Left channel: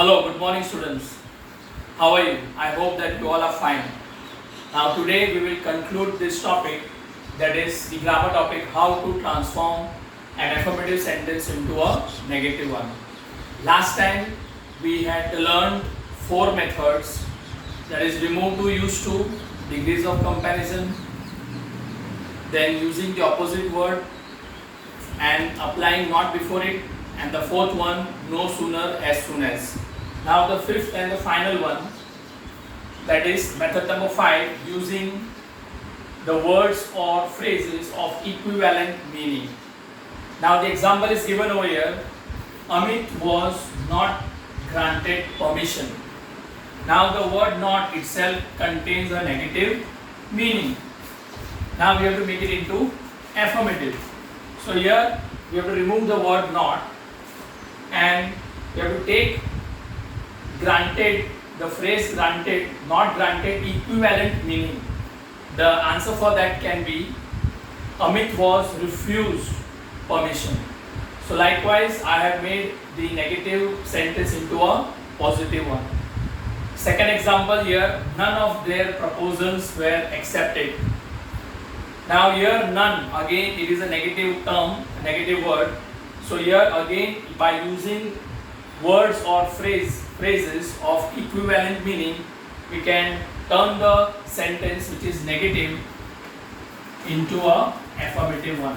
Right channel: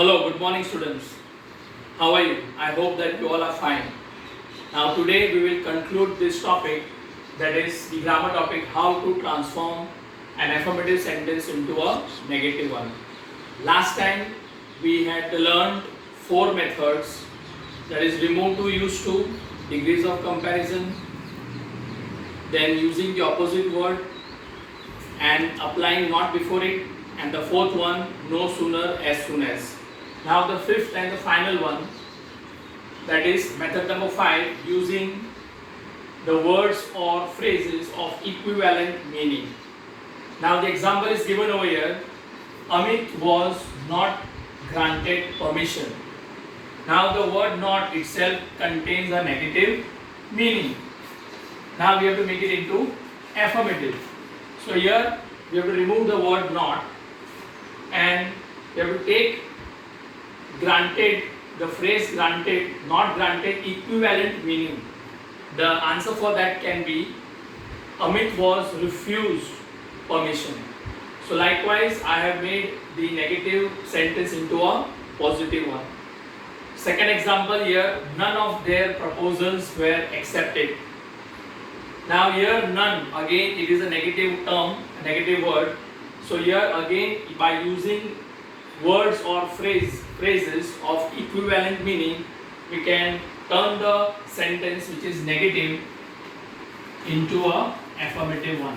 Hello, good morning students. How are you? I hope that you all are fine. Now today we will conclude this topic, that is the grammar topic, how to transform an affirmative sentence into a negative one. Last time we had learned 4 methods, that is remove to, use to, degrees of comparison, then using the opposite word and applying not before it, and the fourth one, no sooner as soon as. Now the fifth and the final one, that is method number 5, using the words or phrases of equivalent meaning. Now the example is given over here. Amit was not granted permission. Now the word not itself contains a negative meaning. Now we have to make it into affirmative. So here we have to remove the word not and we have to take granted, the phrase granted, not granted, equivalent meaning. The answer for that can be Amit was refused permission. So likewise I have made the negative sentence into a positive one. Second example here, none of their proposals were accepted. Now here none, again it is a negative term, a negative word. So here again by using words or phrases of equivalent meaning, we can turn the sentence which is negative into a affirmative one.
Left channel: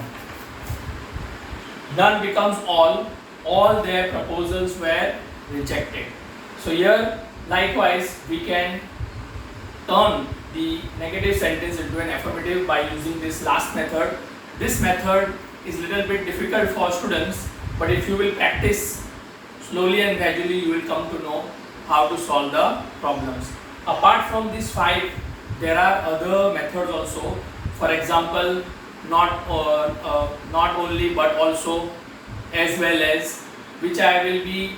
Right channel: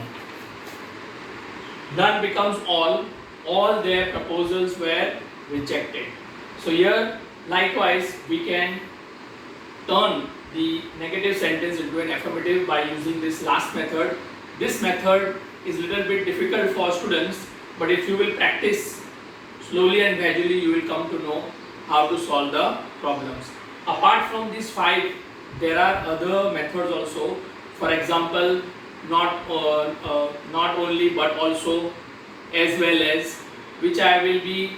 None becomes all their proposals were rejected. So here likewise we can turn the negative sentence into an affirmative by using this last method. This method is a little bit difficult for students, but if you will practice slowly and gradually, you will come to know how to solve the problems. Apart from these 5, there are other methods also. For example, not only but also, as well as, which I will be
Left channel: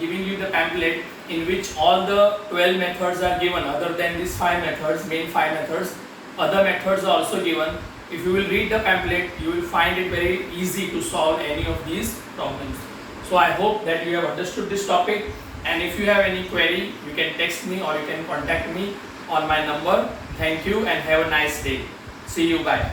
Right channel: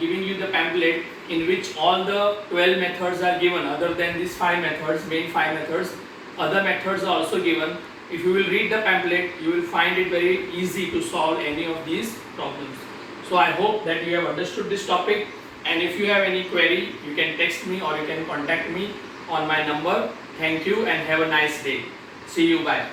giving you the pamphlet in which all the 12 methods are given. Other than these 5 methods, main 5 methods, other methods are also given. If you will read the pamphlet, you will find it very easy to solve any of these problems. So I hope that you have understood this topic, and if you have any query, you can text me or you can contact me on my number. Thank you and have a nice day. See you. Bye.